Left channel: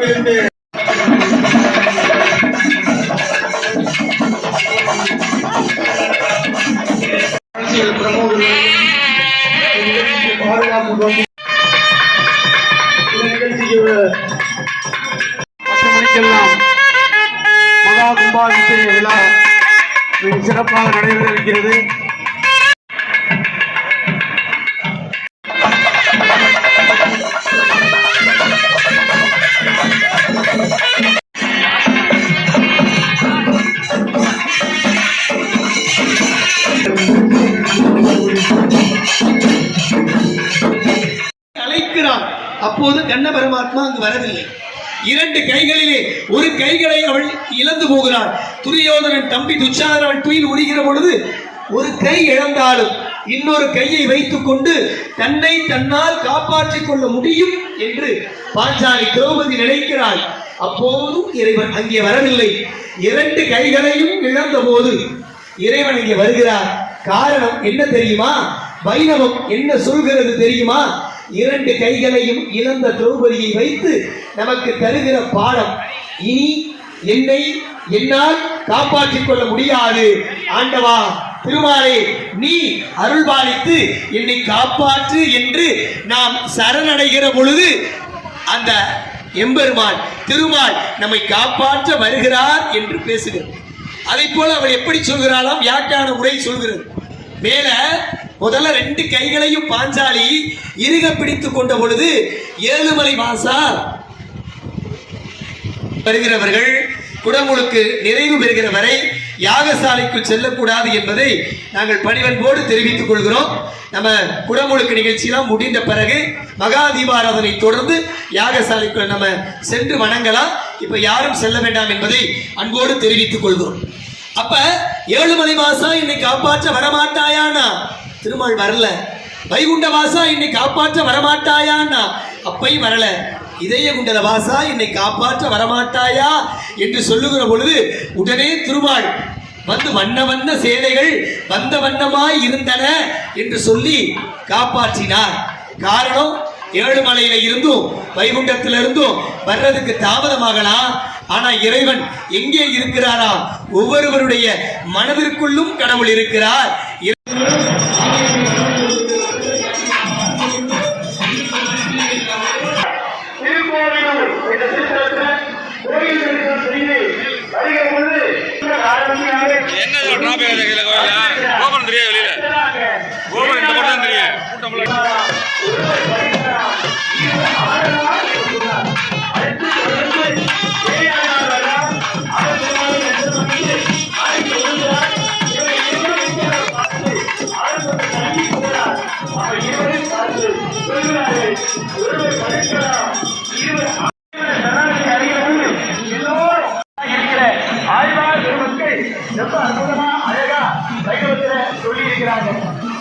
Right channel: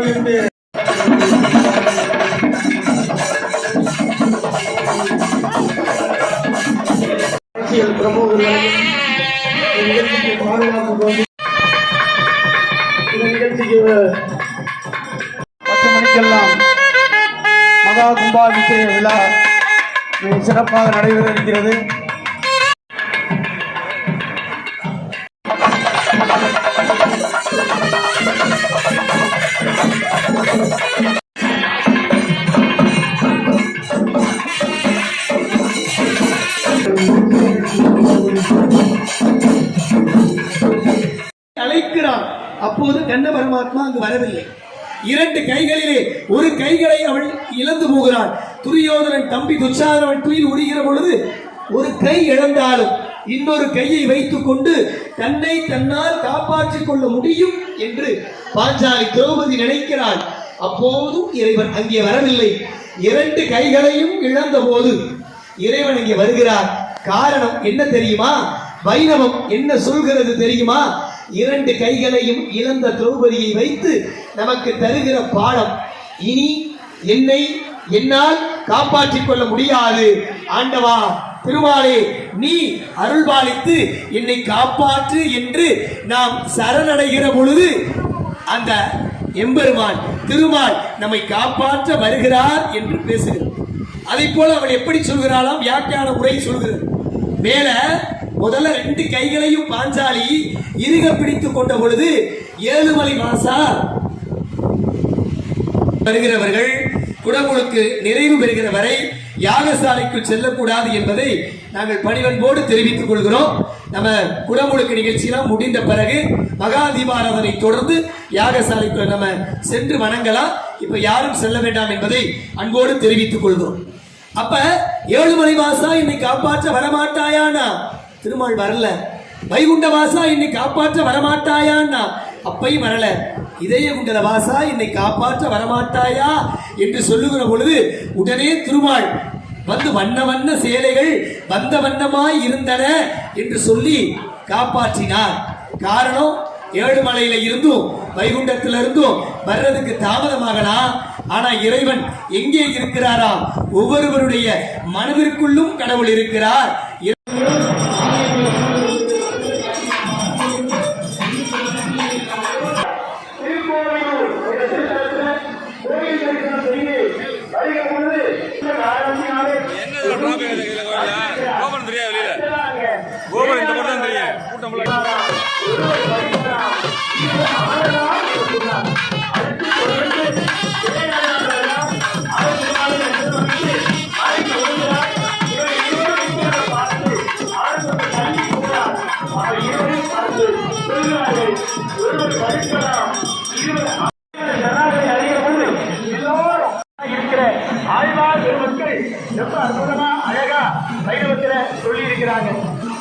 கோவிலுக்கு அரசியல் பிரமுகர்கள் பாதுகாப்பு நிகழ்ச்சிக்கு 10 மணிக்கெல்லாம் மகா கும்பாபிஷேக விழா மிக சிறப்பாக நடைபெற இருக்கிறது. அழைக்கிறான். அப்போது கண்ண பரமாத்மா அங்கு வரவில்லை. 2 கைகளிலே ஒரு கைகளை அவள் இழந்து போகிறாள். துரியோதனன் தம்பி துச்சாதனன் துயில் உரிகிற பொழுது ஒரு கை இழந்தாலும் இன்னொரு கையை வைத்துக் கொண்டு தன்னை தன்னால் காப்பாற்றிக் கொள்ள முடியும் என்று பாஞ்சாலி திரௌபதி நினைக்கிறாள். அப்போதும் இறைவன் அங்கே வரவில்லை. 2 கைகளையும் இழந்த போது இறைவன் இங்கே வருகிறார். காரணம் என்ன தெரியுமா? வைணவம் என்ன சொல்கிறது தெரியுமா? 2 கைகளையும் இழந்த திரௌபதியை வைத்து நமக்கு தருகிற பாடம். இனி என்னை என்னால் காப்பாற்றிக் கொள்ள முடியாது. ஆண்டவா திருமாலே, நீ அருள்பாலித்து என்னை காப்பாற்று என்று நாம் சரணடைகிற பொழுது அந்த எம்பெருமான் திருமால் நம்மை காப்பாற்ற வருகிறார் என்று பேசுகிறார். அதை போல அவள் எப்படி சொல்கிறாளாம்? வியாக்கியான உரை சொல்கிறது. மேல முதல்ல 2 கைகளையும் பாஞ்சாலி இறுக பிடித்துக் கொண்ட பொழுது ஏழுமலை வாசா வருகிறவர்கள் குடமுழுக்கு நிறைவு பெறுகிற வரை யாகசாலைக்குள் செல்லக்கூடாது என்பதை நாங்கள் பணிவன்போடு தெரிவித்துக் கொள்கிறோம். நம்ம குடமுழுக்கு நிகழ்ச்சியெல்லாம் முடிந்த பிறகு மகா தீபாராதனை தொடர்ந்து யாகசாலைக்குள் நம்ம சென்று வணங்கலாம். இப்ப யாரும் செல்ல வேண்டாம் என்பதை அன்போடு தெரிவித்துக் கொள்கிறோம். அப்ப ஏழுமலை வாசா என்னை காப்பாற்ற வரமாட்டாயானா? திருமால் வரல. வைகுண்ட வாசா என்னை காப்பாற்ற வரமாட்டாயான்னா? அப்பையும் வரல. இதய குண்டல வாசா என்னை காப்பாற்ற வரமாட்டாயா என்று சொல்லுகிற பொழுது உடனே திருமால் வந்து வண்ண வண்ண சேலைகள் வந்த வண்ணமாய் இருந்தன என்று சொல்லி காப்பாற்றினார். காரணம், ஏழுமலையில இருந்தும் வைகுண்டத்திலிருந்தும் வர்றதுக்கு தாமதமாகலாம். ஆனா இறைவன் எங்கே இருக்கிறாரா? ஒவ்வொருவருடைய மனதிற்குள்ளும் கடவுள் இருக்கிறார். சொல்லி இருக்கிறாங்க.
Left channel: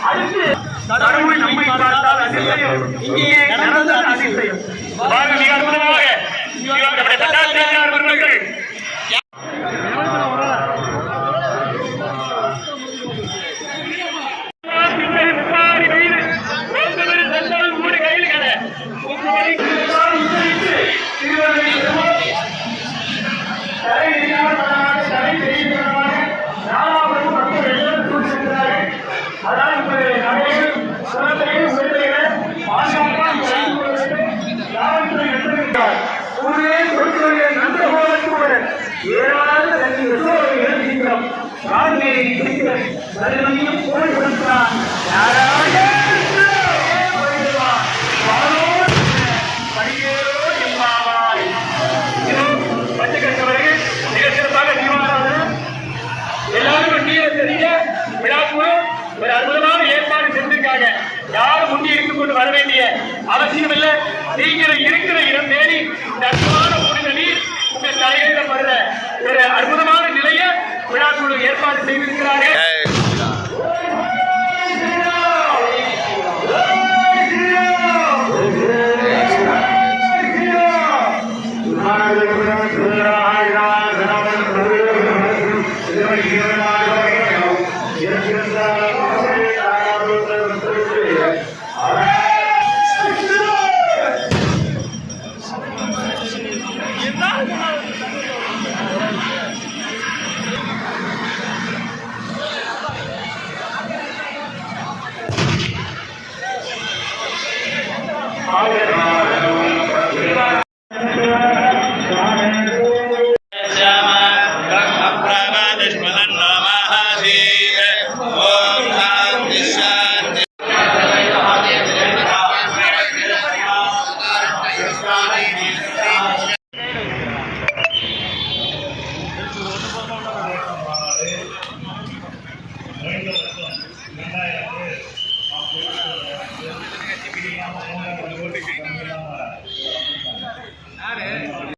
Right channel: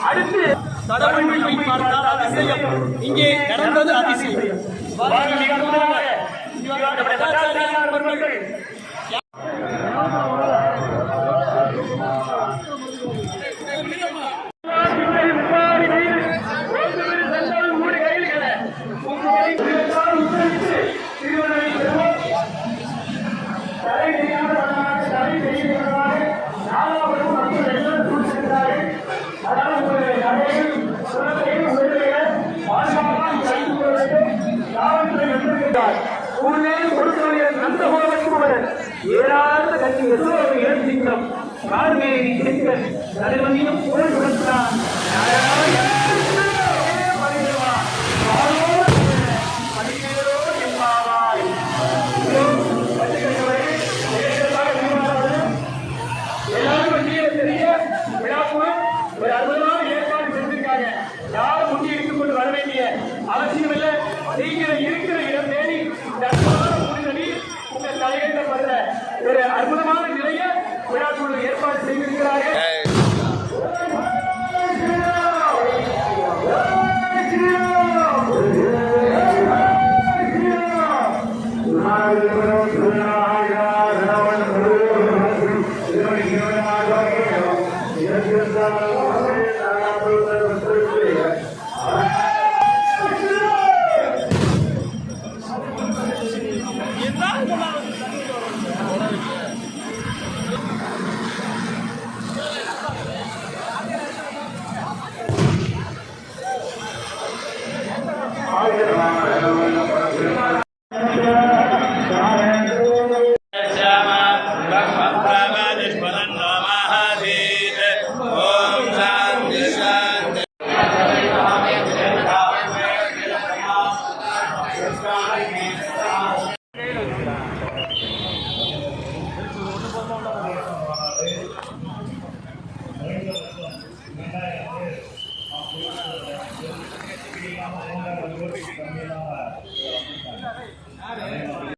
அடுத்து கடவுள் நம்மை பார்த்தால் அதிசயம். இங்கே நடந்தது அதிசயம். மிக அற்புதமாக நம்முடைய பட்டாசிரியர் அவர்கள் அவசியம் இல்லை. நீங்கள் இருக்கிற இடம் தேடி இந்த அற்புதமான புனித நீர் உங்க தலையில வர்ற ஒரு அற்புதமான நிலையை விழாக்குழு ஏற்பாடு செய்திருக்கிறார்கள். எங்க